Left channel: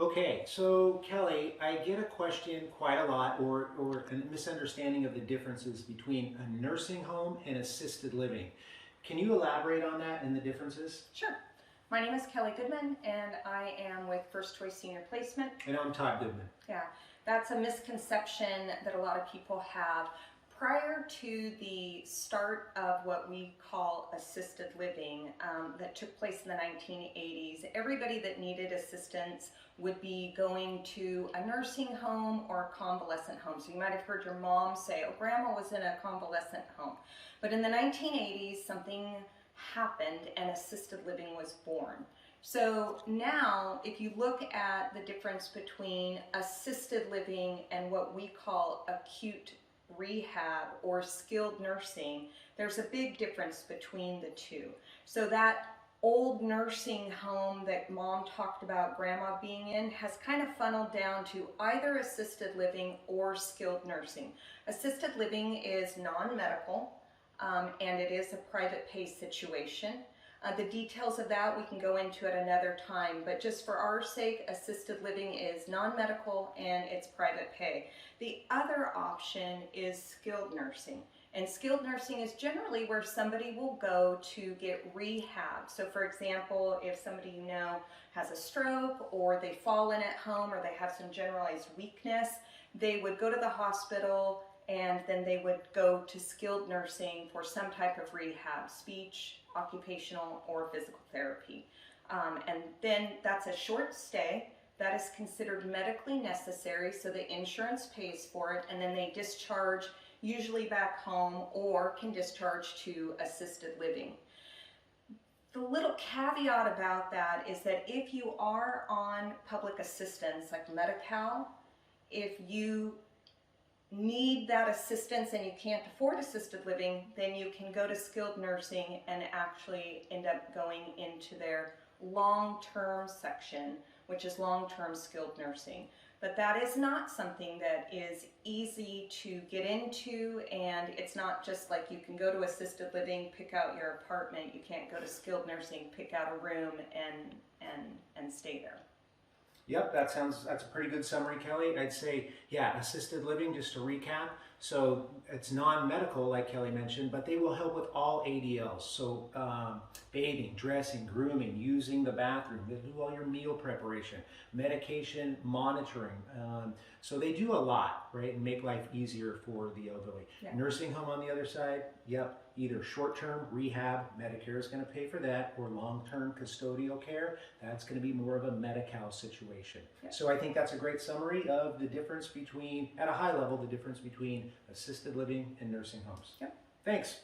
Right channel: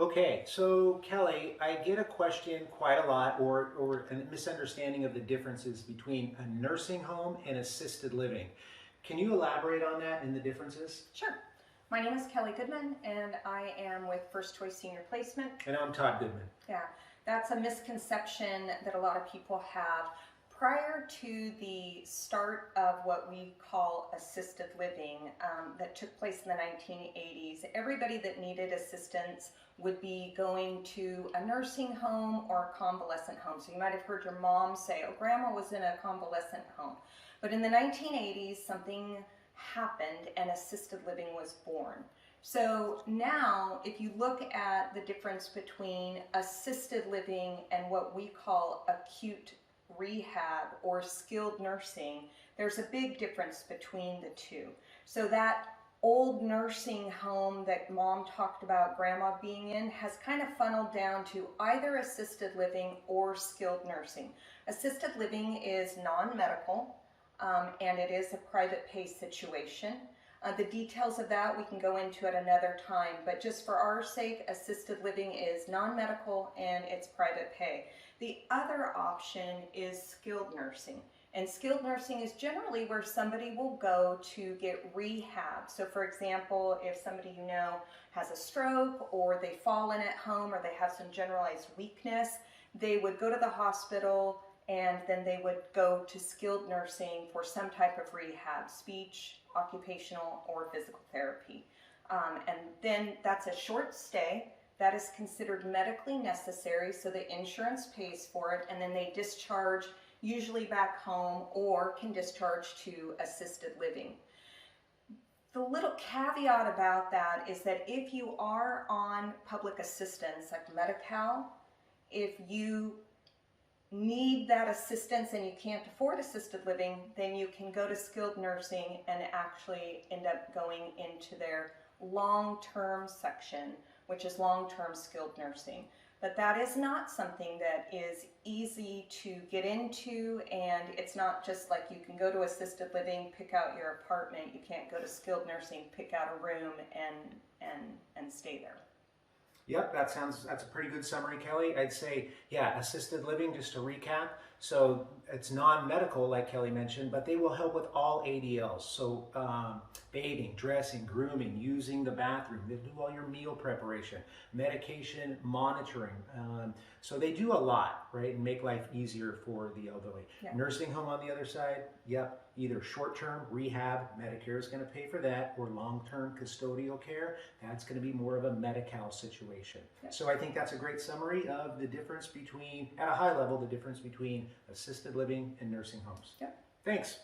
Okay, so Kelly, I get a question quite a lot, or a misunderstanding of the differences between a nursing home and assisted living. Can you elaborate on that and the differences? Sure. My name is Kelly Goodman, and I am with First Choice Senior Placement. And I'm Todd Goodman. Yeah, that's a misconception that a lot of people have. Prior to the start of what we call assisted living that took place in the 1980s, everybody that needed assistance would be going to a nursing home or a convalescent home. So you might have heard your mom say, oh, grandma was in a convalescent home. But in the 1980s, something happened and assisted living was born. So now, if you look at the difference between assisted living and what we call acute rehab or skilled nursing, there's a big difference between the two. So that old nursing home that mom talked about grandma being in has kind of funneled down to either assisted living or skilled nursing. Assisted living is non-medical and it is a private pay situation. The details of that we can go into at another time, but just for our sake, assisted living is non-medical and it's private pay. The other option is skilled nursing. And skilled nursing is generally where somebody will go to get rehab. So for example, if somebody you know has a stroke or they fall in at home or they have some generalized weakness, they would go to the hospital and then they would go to skilled nursing for some type of rehab, speech, occupational, or physical therapy. And then that's a short stay. That is considered medically necessary, so the insurance pays for it, and then they discharge usually back home or can discharge to assisted living. The little caveat about that is that if you are on public assistance like Medi-Cal, if you need that assistance and you can't afford assisted living, then you can go to skilled nursing and actually end up going into their long-term section, which is long-term skilled nursing. But that is not something that is easy to get into, and it's not just like you can go to assisted living, pick out your apartment. You can't go to skilled nursing, pick out a room and stay there. Yep, that's a pretty good summary, Kelly. I'd say, yeah, assisted living, just to recap. So it's non-medical, like Kelly mentioned, but they will help with all ADLs. So bathing, dressing, grooming, using the bathroom. They'll do all your meal preparation, medication monitoring. So they do a lot, right, and make life easier for the elderly. Yeah. Nursing home on the other side, yep, either short-term rehab, Medicare is going to pay for that, or long-term custodial care, that's going to be more of a Medi-Cal situation. Yep. So I think that's a great summary of the difference between, at a high level, the difference between assisted living and nursing homes. Yep. Thanks.